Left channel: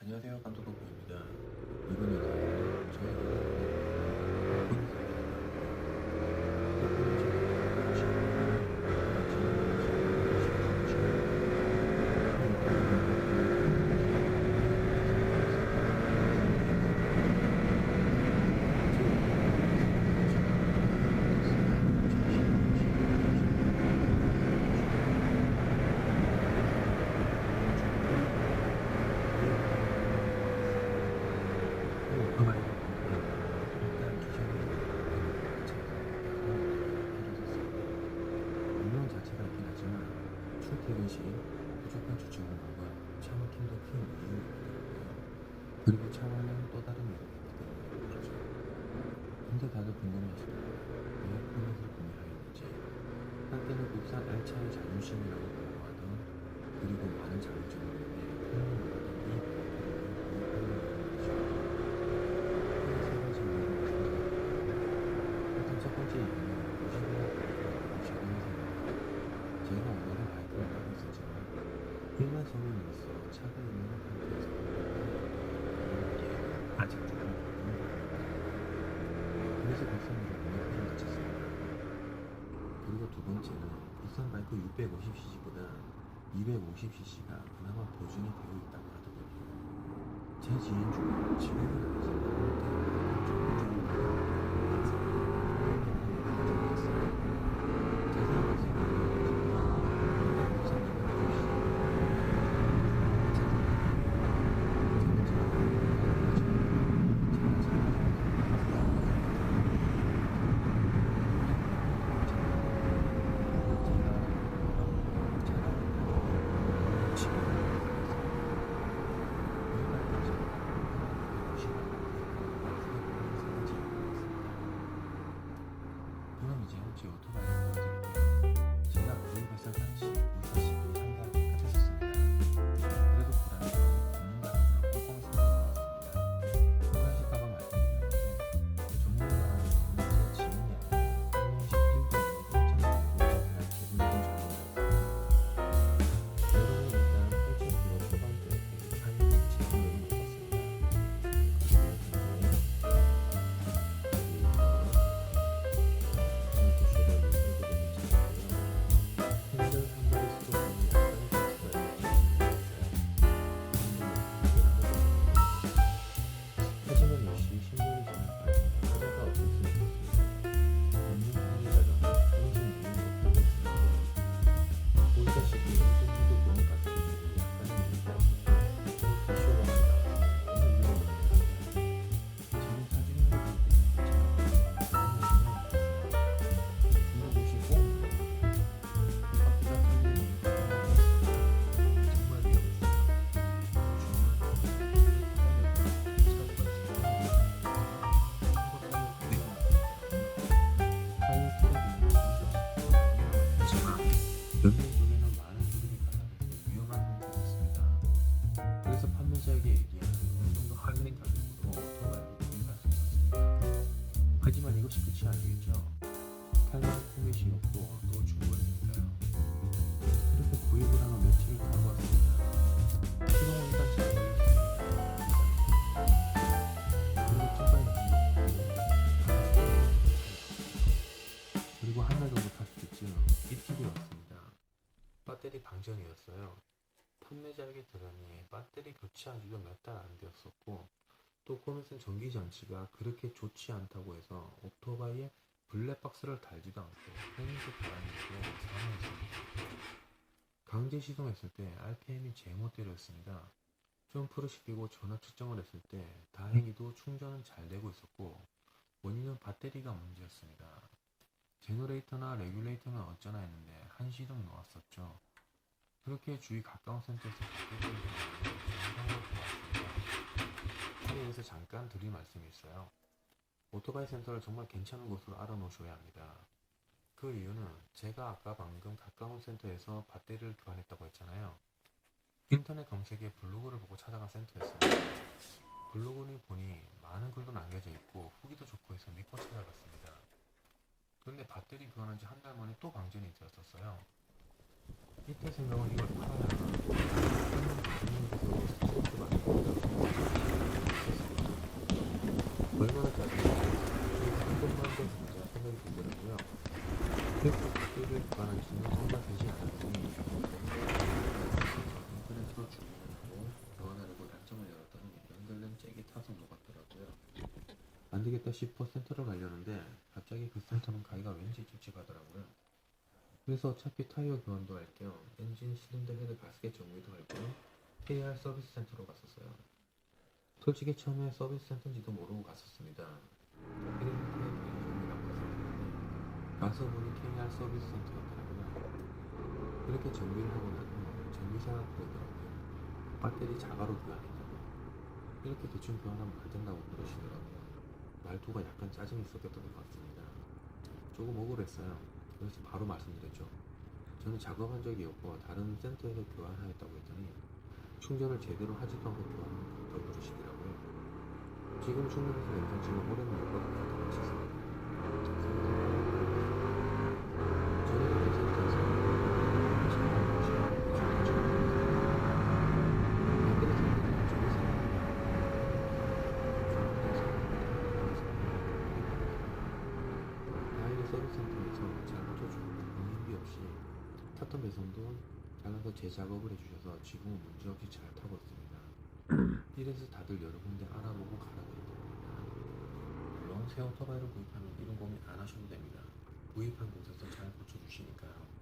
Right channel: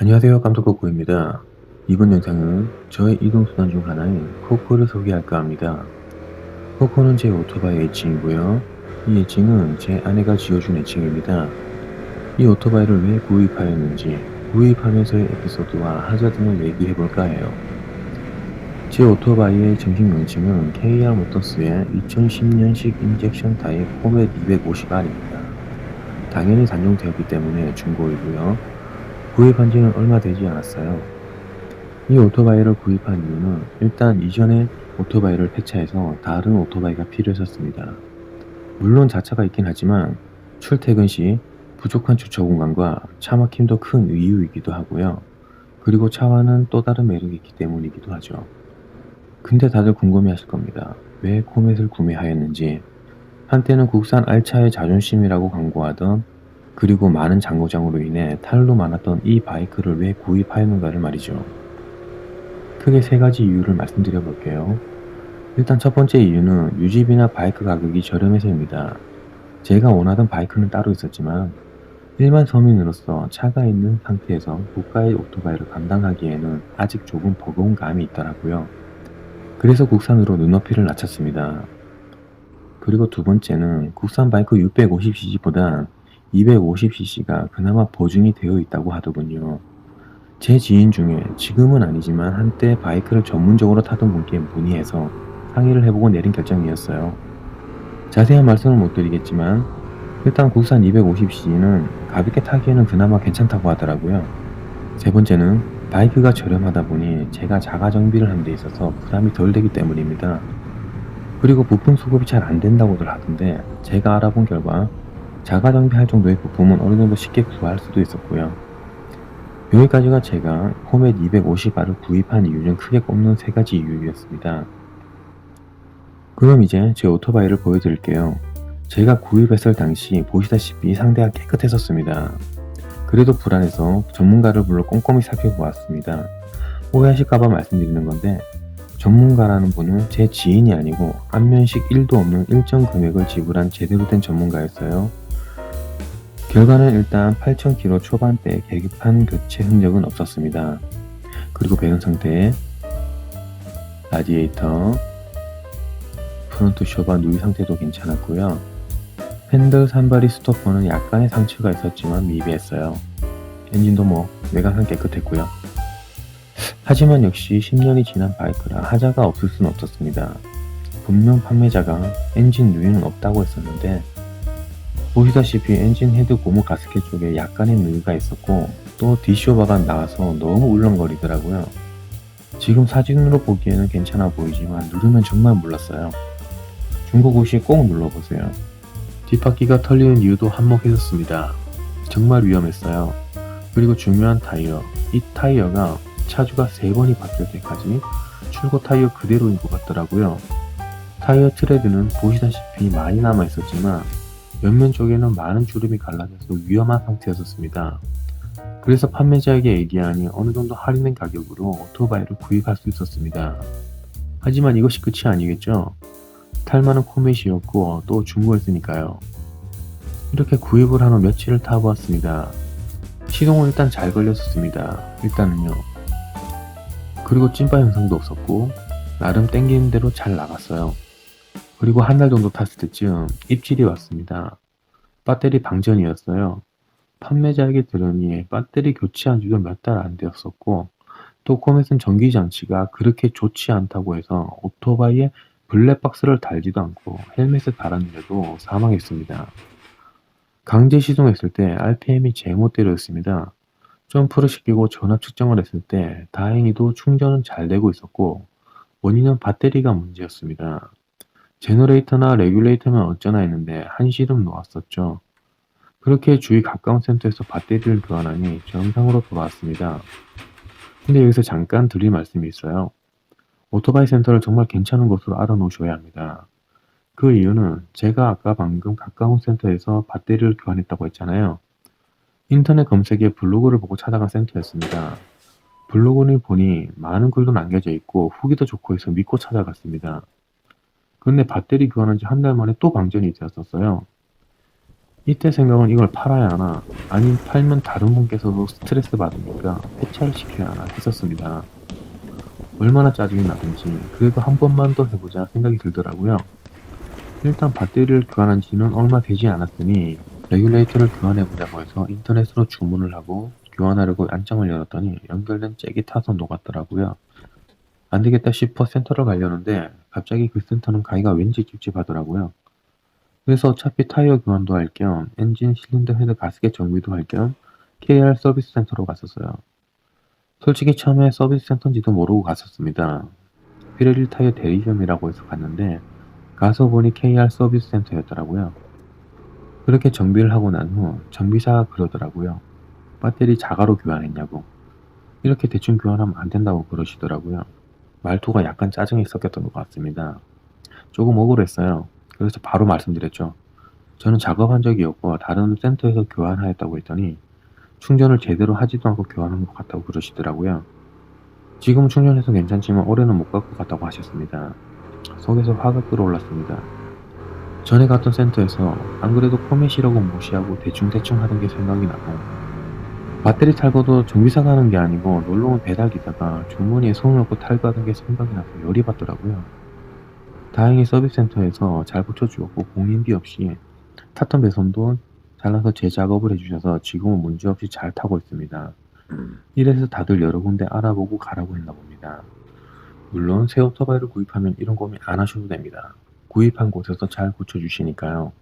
안녕하세요. 깜짝거꾸입니다. 이번 영상은 저의 이동수단 중 하나인 코코를 소개할까 합니다. 코코는 제 오토바이 애칭이고요. 이 애칭은 제 아내가 지어준 애칭입니다. 이 오토바이를 왜 구입하였는지, 구입하면서의 에피소드와 하자 등을 얘기해볼까 해요. 제 오토바이의 정식 명칭은 KR 모터스의 2010년식 인젝션 타입 포맷 250R입니다. 당연히 단종되었기 때문에 중고이고요. 구입한 지는 얼마 되지 않았어요. 이 오토바이를 구입한 이유는 일단 이전에 오토바이를 폐차해서 다른 오토바이가 필요했었습니다. 물론 자차가 있긴 하지만 출퇴근 시 부족한 주차 공간과 차 막힘도 큰 이유이기도 하고요. 그리고 차와는 또 다른 매력이 있기 때문이기도 하죠. 근데 다들 궁금해 하실 겁니다. 왜 코멧을 구매하였는지. 한때는 국산 알차의 자존심이라고 광고하던, 그리고 많은 장고장으로 인해 탈로 많았던 이 바이크를 왜 구입하였는가를 말이죠. 크게 세 가지 이유를 말씀드려 볼게요. 일단 첫 번째 이유는 유지비나 바이크 가격이 저렴해서입니다. 제가 원하던 바이크는 따로 있었지만 일반 서민으로서 차가 있는 상태에서 고가의 오토바이를 감당하기에는 아직 조금 버거운 감이 있더라고요. 그래서 국산으로 눈높이를 낮췄습니다. 그리고 두 번째는 국산 바이크 650cc보단 250cc가 그나마 보증이 되어 있다고 하더군요. 제 지인 중에 지금은 아니지만 한때 바이크를 전문적으로 타던 분께 문의해서 상의를 해보고 내린 결정이었어요. 자세한 말씀은 못 드리겠지만 일단 국산 250cc는 가볍게 타기에는 그나마 괜찮다고 하더라고요. 세 번째는 바이크가 저렴하다 보니 제가 자가 정비를 하는 데 있어서 부담이 덜 되기 때문입니다. 그리고 부품 수급이 잘 안 된다고들 하던데 제가 알아본 결과 자가 정비할 정도의 부품은 어느 정도 쉽게 구할 수도 있었고요. 여기까지가 제가 포맷 250R을 구입한 이유 중 크게 꼽는 세 가지 이유였습니다. 그럼 이제 제 오토바이를 보여드릴게요. 제가 구입했을 당시 보시다시피 상대가 깨끗했었습니다. 그래도 불안해서 전문가를 불러 꼼꼼히 살펴보았습니다. 오해하실까봐 말씀드리는 건데, 전문가라는 분은 제 지인이 아니고 안면식 1도 없는 일정 금액을 지불한 제대로 된 전문가였어요. 결과는 일단 8,000km 초반대 계기판 교체 흔적은 없었습니다. 그리고 배선 상태에 라디에이터, 프론트 쇼바 누이 상태도 괜찮았고요. 핸들 산바리 스토퍼는 약간의 상처가 있었지만 미비했어요. 엔진도 외관상 깨끗했고요. 하지만 역시 10년이 지난 바이크라 하자가 없을 순 없었습니다. 분명 판매자가 엔진 누이는 없다고 했었는데, 보시다시피 엔진 헤드 고무 가스켓 쪽에 약간의 누이가 있었고 또 디쇼바가 나와서 너무 울렁거리더라고요. 지금 사진으로 보기에는 괜찮아 보이지만 누르면 정말 몰랐어요. 중고고 시 꼭 눌러보세요. 뒷바퀴가 털리는 이유도 한몫했었습니다. 정말 위험했어요. 그리고 중요한 타이어. 이 타이어가 차주가 3번이 바뀔 때까지 출고 타이어 그대로인 것 같더라고요. 타이어 트레드는 보시다시피 많이 남아 있었지만 옆면 쪽에는 많은 주름이 갈라져서 위험한 상태였었습니다. 그래서 판매자에게 얘기하니 어느 정도 할인된 가격으로 오토바이를 구입할 수 있었습니다. 하지만 이것이 끝이 아니겠죠? 탈만한 코멧이었고 또 중고했으니까요. 이렇게 구입을 한 후 며칠을 타보았습니다. 시동은 일단 잘 걸렸었습니다. 일단은요. 그리고 찐빠 현상도 없었고 나름 땡기는 대로 잘 나갔어요. 그리고 한 달 정도 탔을 때쯤 입질이 왔습니다. 배터리 방전이었어요. 판매자에게 들으니 배터리 교체한 지도 몇 달 안 되었었고 또 코멧은 전기장치가 그렇게 좋지 않다고 해서 오토바이에 블랙박스를 달지도 않고 헬멧을 달았는데도 사망했습니다. 강제 시동했을 때 RPM이 제멋대로였습니다. 점프를 시키고 전압 측정을 했을 때 다행히도 충전은 잘 되고 있었고 원인은 배터리가 문제였습니다. 제너레이터나 레귤레이터면 어쩌나 했는데 한시름 놓았었죠. 그렇게 주위 가까운 센터에서 배터리를 교환하니 정상으로 돌아왔습니다. 근데 여기서 잠깐 드릴 말씀이 있어요. 오토바이 센터를 정말 괜찮은 곳으로 알아놓으셔야 합니다. 그 이유는 제가 아까 방금 가까운 센터에서 배터리를 교환했다고 했잖아요. 인터넷 검색에 블로그를 보고 찾아간 센터였습니다. 블로그를 보니 많은 글도 남겨져 있고 후기도 좋고 해서 믿고 찾아갔습니다. 근데 배터리 교환한 지 한 달 만에 또 방전이 되었었어요. 이때 생각은 이걸 팔아야 하나, 아니면 팔면 다른 분께서도 스트레스 받은 거니까 포차를 시켜야 하나 했었습니다. 얼마나 짜증이 나는지 그래도 한 번만 더 해보자 생각이 들더라고요. 일단 배터리를 교환한 지는 얼마 되지 않았으니 레귤레이터를 교환해보자고 해서 인터넷으로 주문을 하고 교환하려고 안장을 열었더니 연결된 잭이 타서 녹았더라고요. 안되겠다 싶어 센터를 가려는데 갑자기 그 센터는 가기가 왠지 찝찝하더라고요. 그래서 어차피 타이어 교환도 할 겸 엔진 실린더 헤드 가스켓 정비도 할 겸 KR 서비스 센터로 갔었어요. 솔직히 처음에 서비스 센터인지도 모르고 갔었습니다. 피레리 타이어 대리점이라고 해서 갔는데 가서 보니 KR 서비스 센터였더라고요. 그렇게 정비를 하고 난 후 정비사가 그러더라고요. 배터리 자가로 교환했냐고. 이렇게 대충 교환하면 안 된다고 그러시더라고요. 말투가 약간 짜증이 섞였던 것 같습니다. 조금 억울했어요. 그래서 바로 말씀드렸죠. 저는 작업한 적이 없고 다른 센터에서 교환하였다고 했더니 충전을 제대로 하지도 않고 교환한 것 같다고 그러시더라고요. 지금 충전해서 괜찮지만 올해는 못 갈 것 같다고 하셨습니다. 속에서 화가 끓어올랐습니다. 전에 갔던 센터에서 안 그래도 포맷이라고 무시하고 대충대충 하는 게 생각이 나고 배터리 탈거도 정비사가 하는 게 아니고 놀러온 배달기사가 주머니에 손을 넣고 탈거하는 게 생각이 나서 열이 받더라고요. 다행히 서비스 센터에서 잘 고쳐주었고 공인비 없이 탔던 배선도 잘라서 재작업을 해주셔서 지금은 문제없이 잘 타고 있습니다. 이래서 다들 여러 군데 알아보고 가라고 했나 봅니다. 물론 새 오토바이를 구입하면 이런 고민 안 하셔도 됩니다. 구입한 곳에서 잘 고쳐주시니까요.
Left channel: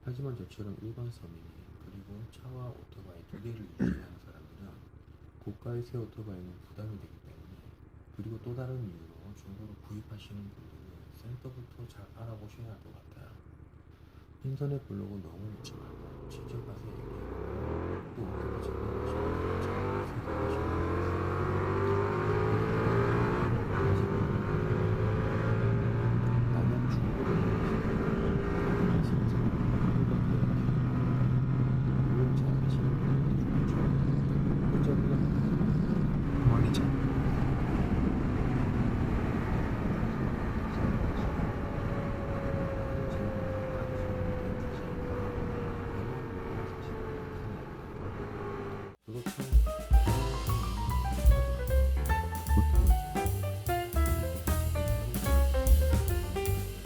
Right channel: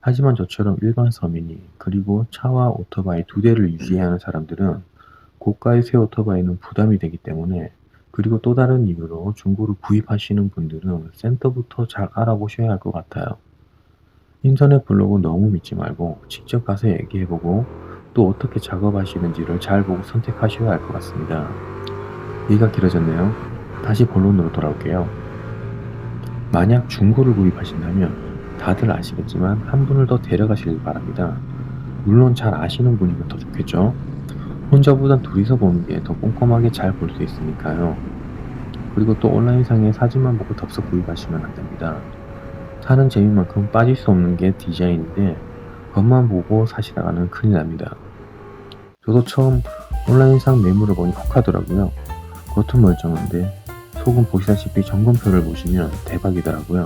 하지만 저처럼 일반 서민이 그리고 차와 오토바이 두 대를 유지해야 하는 사람들은 고가의 새 오토바이는 부담이 되기 때문에 그리고 또 다른 이유로 중고를 구입하시는 분들은 센터부터 잘 알아보셔야 할 것 같아요. 인터넷 블로그 너무 믿지 말고 직접 가서 얘기해보고 또 어떻게 작업하시는지를 잘 보고 선택하셔야 할 것 같습니다. 얘기가 길어졌네요. 다시 본론으로 돌아올게요. 만약 중고를 구입하신다면 다들 아시겠지만 한 분을 더 데려가시길 바랍니다. 물론 잘 아시는 분이면 더 좋겠죠. 혼자보단 둘이서 보는 게 더 꼼꼼하게 잘 볼 수 있으니까요. 그리고 또 온라인상에 사진만 보고 덥석 구입하시면 안 됩니다. 사는 재미만큼 빠질 수 없는 게 디자인인데 겉만 보고 사시다가는 큰일 납니다. 저도 처음 온라인상 매물을 보니 혹하더라고요. 겉은 멀쩡한데 속은 보시다시피 점검표를 보시면 대박이더라고요.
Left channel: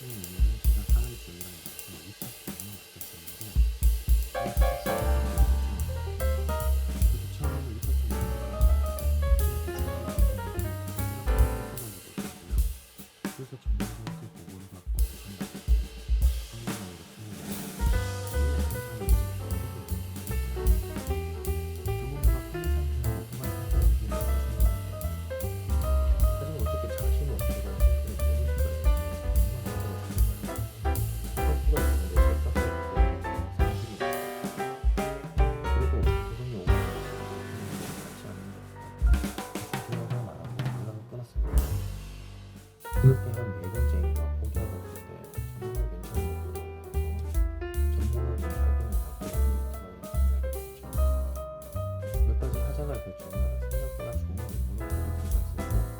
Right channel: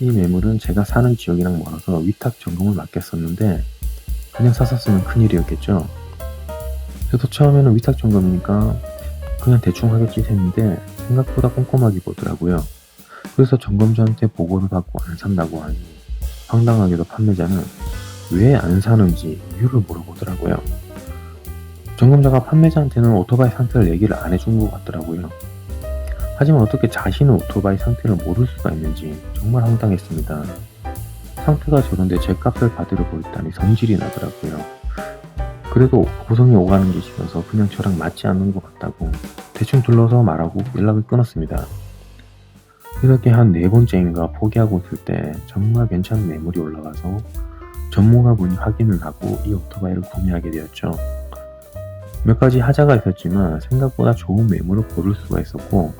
이 매물은 제가 사는 지역이랑 멀어서 위탁 점검을 맡겼었는데 그냥 샀었으면 큰일이었겠죠. 저도 처음에는 위탁 점검이니까 그냥 대충 하겠지 했는데 생각보다 꼼꼼하게 보더라고요. 그래서 점검자한테 보고를 받고 안 산다고 하니 황당하게도 판매자는 왜 안 사는지 이유를 물어보더라고요. 점검자가 판매자한테는 오토바이 상태를 얘기를 안 해준 것 같더라고요. 하지만 어떻게 자신은 오토바이 상태를 모를 수가 있는지 정말 황당했습니다. 상태가 저런데 제 값을 받으려고 있다니 성질이 나더라고요. 그래도 고성이 오가는 게 싫어서 그냥 저랑 맞지 않는 것 같다고 대충 둘러서 말하고 연락을 끊었습니다. 이렇게 한 4번째인가 포기하고 있을 때 정말 괜찮은 매물이 올라가서 전문가분이 확인을 하고 이 오토바이를 구매하게 되었죠. 몇 가지 하자가 있었지만 생각보다 좋은 매물을 고를 수가 있었고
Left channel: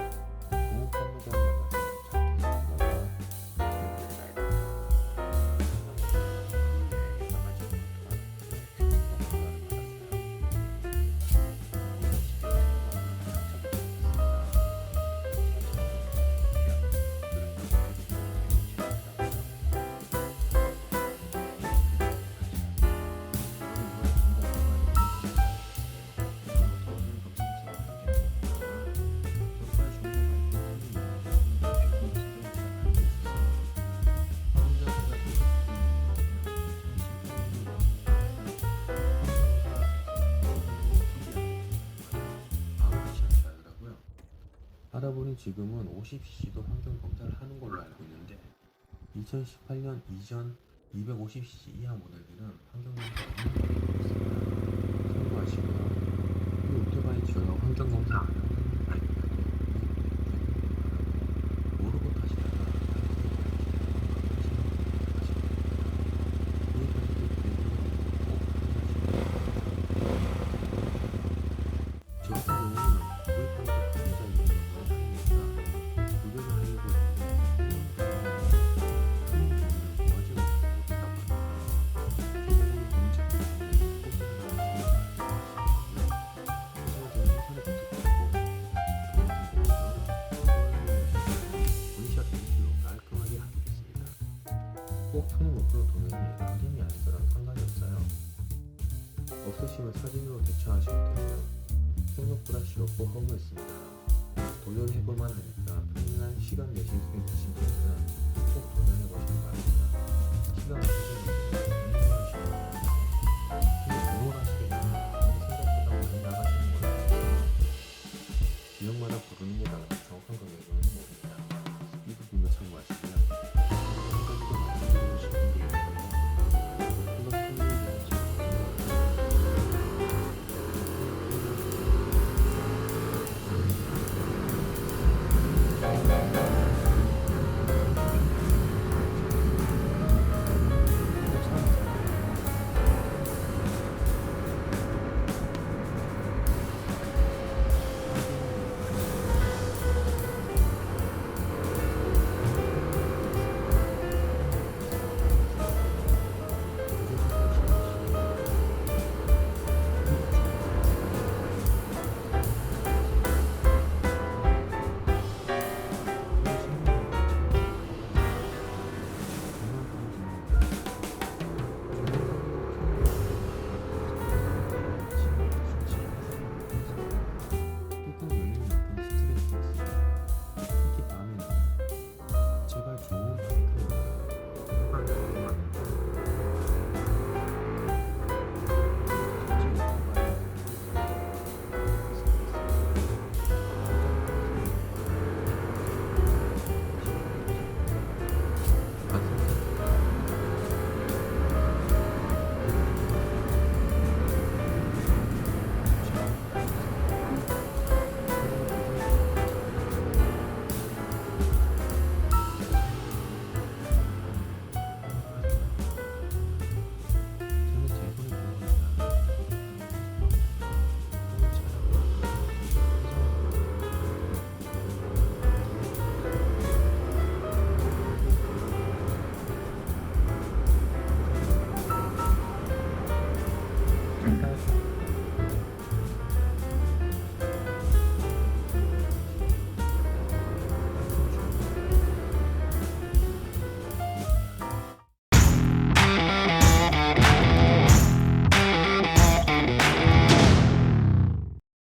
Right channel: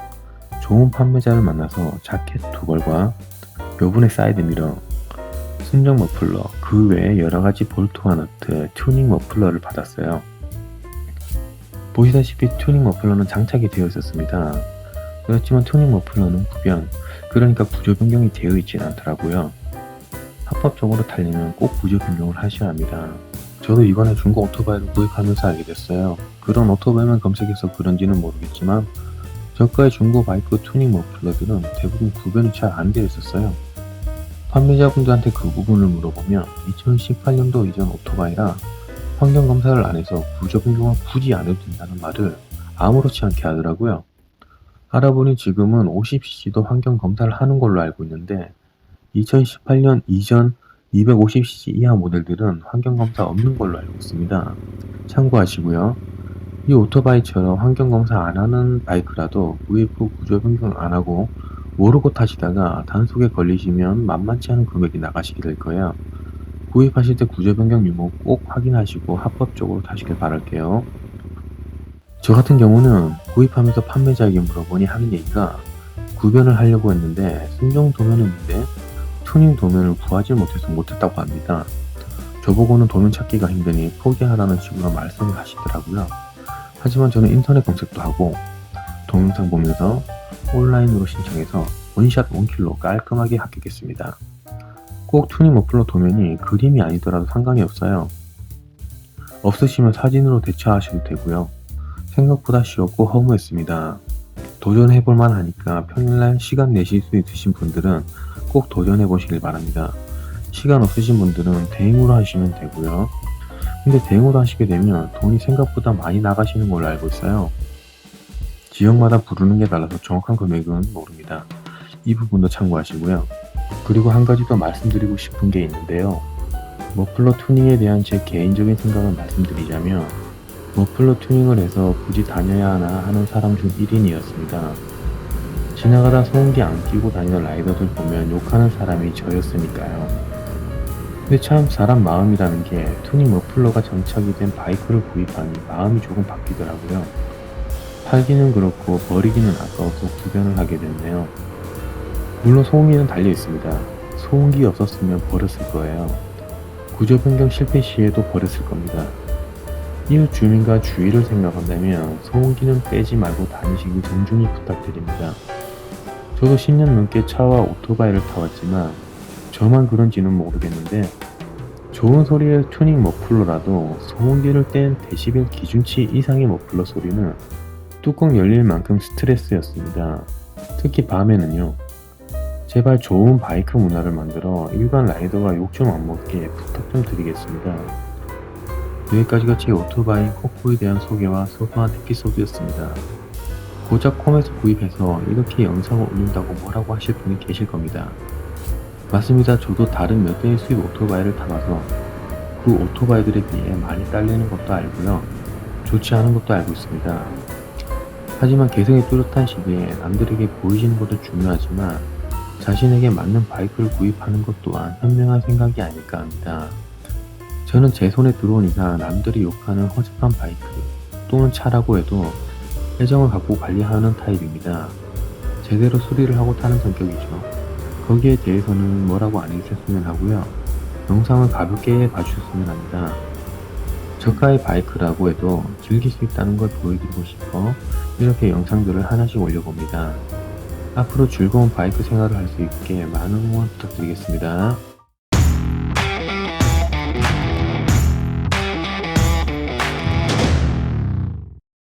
좋은 판매자를 만나서 자켓 2벌과 여분의 사이드미러, 순정 머플러, 그 외에 여러가지 볼트와 너트, 튜닝 머플러를 받았어요. 보시다시피 튜닝 머플러는 장착이 되어 있었습니다. 그렇지만 튜닝 머플러는 구변, 그러니까 구조 변경이 되어 있진 않더라고요. 합법적으로 타려면 꼭 구조 변경을 하셔야 합니다. 저도 이번에 중고 오토바이를 구입하면서 알게 됐어요. 그런 오토바이만 검색해서 그런지는 모르겠지만 저가의 중고 바이크 튜닝 머플러들은 대부분 구변이 잘 안 되어 있었어요. 판매자분들한테 그 부분을 물어보면 2018년도 이전 오토바이라 환경검사를 안 해서 구조 변경을 굳이 안 해도 된다는 말을 아무렇지 않게 하더라고요. 알아보니 지금은 50cc도 환경검사를 하는 걸로 알고 있는데 2018년 이전 250cc 이하 모델들은 환경검사 없는 걸로 알고 있습니다. 참고하시고요. 이 오토바이처럼 환경검사 안 하는 바이크라도 구입 후 구조 변경 안 하고 모르고 타시다가 단속에 걸리시면 만만치 않은 금액이 나가시게 될 거예요. 구입하실 때 구조 변경 유무 꼭 확인하시고 합법적으로 타시길 바랄게요. 저 같은 경우는 구입하면서 판매자에게 물어보니 하는 얘기가 구변을 하려고 했는데 순정 도면은 있는데 튜닝 도면을 구하지 못해서 못했다고 합니다. 저보고는 돈을 찾기가 힘드니 포기하라는 식으로 말씀을 하시더라고요. 하지만 저는 인터넷 검색도 하고 동영상 보면서 온라인으로 신청해서 원샷 원킬로 깔끔하게 합격했습니다. 꼭 투닝 머플러 도면이 그림이 아니더라도 상관이 없어요. 없으시면 사진으로 대처하셔도 되고요. 생각보다 쉬웠고 허무했습니다. 도전해볼만 하니까 평일날 시간 내실 수 있으신 분들은 꼭 도전해보시길 바랍니다. 시간 없으신 분들은 대행으로 하시면 되고요. 근데 대행으로 하시게 되면 돈이 생각보다 많이 나가시는 걸로 알고 있어요. 지역마다 부르는 게 달라서 정확한 금액은 모릅니다. 이 부분도 참고하시고요. 그리고 한 가지 더 말씀드리고 싶은 게 있는데요. 머플러 투닝에 대한 제 개인적인 생각을 말씀드리자면 머플러 투닝을 해서 굳이 다녀야 하나 하는 사람 중 1인이었습니다. 지나가다 소음기 안 끼고 다니는 라이더들 보면 욕하는 사람이 저였으니까요. 근데 참 사람 마음이라는 게 투닝 머플러가 장착이 된 바이크를 구입하니 마음이 조금 바뀌더라고요. 팔기는 그렇고 버리기는 아까워서 구변을 하게 되는데요. 물론 소음기는 달려 있습니다. 소음기 없었으면 버렸을 거예요. 구조 변경 실패 시에도 버렸을 겁니다. 이웃 주민과 주의를 생각한다면 소음기는 빼지 말고 다니시길 정중히 부탁드립니다. 저도 10년 넘게 차와 오토바이를 타왔지만 저만 그런지는 모르겠는데 좋은 소리의 튜닝 머플러라도 소음기를 뗀 데시벨 기준치 이상의 머플러 소리는 뚜껑 열릴 만큼 스트레스였습니다. 특히 밤에는요. 제발 좋은 바이크 문화를 만들어 일반 라이더가 욕 좀 안 먹게 부탁 좀 드리겠습니다. 여기까지가 제 오토바이 호프에 대한 소개와 소소한 에피소드였습니다. 고작 콤에서 구입해서 이렇게 영상을 올린다고 뭐라고 하실 분이 계실 겁니다. 맞습니다. 저도 다른 몇 대의 수입 오토바이를 타봐서 그 오토바이들에 비해 많이 딸리는 것도 알고요. 좋지 않은 것도 알고 있습니다. 하지만 개성이 뚜렷한 시기에 남들에게 보이시는 것도 중요하지만 자신에게 맞는 바이크를 구입하는 것 또한 현명한 생각이 아닐까 합니다. 저는 제 손에 들어온 이상 남들이 욕하는 허접한 바이크 또는 차라고 해도 애정을 갖고 관리하는 타입입니다. 제대로 수리를 하고 타는 성격이죠. 거기에 대해서는 뭐라고 안 해주셨으면 하고요. 영상을 가볍게 봐주셨으면 합니다. 저가의 바이크라고 해도 즐길 수 있다는 걸 보여드리고 싶어 이렇게 영상들을 하나씩 올려봅니다. 앞으로 즐거운 바이크 생활을 할 수 있게 많은 응원 부탁드리겠습니다.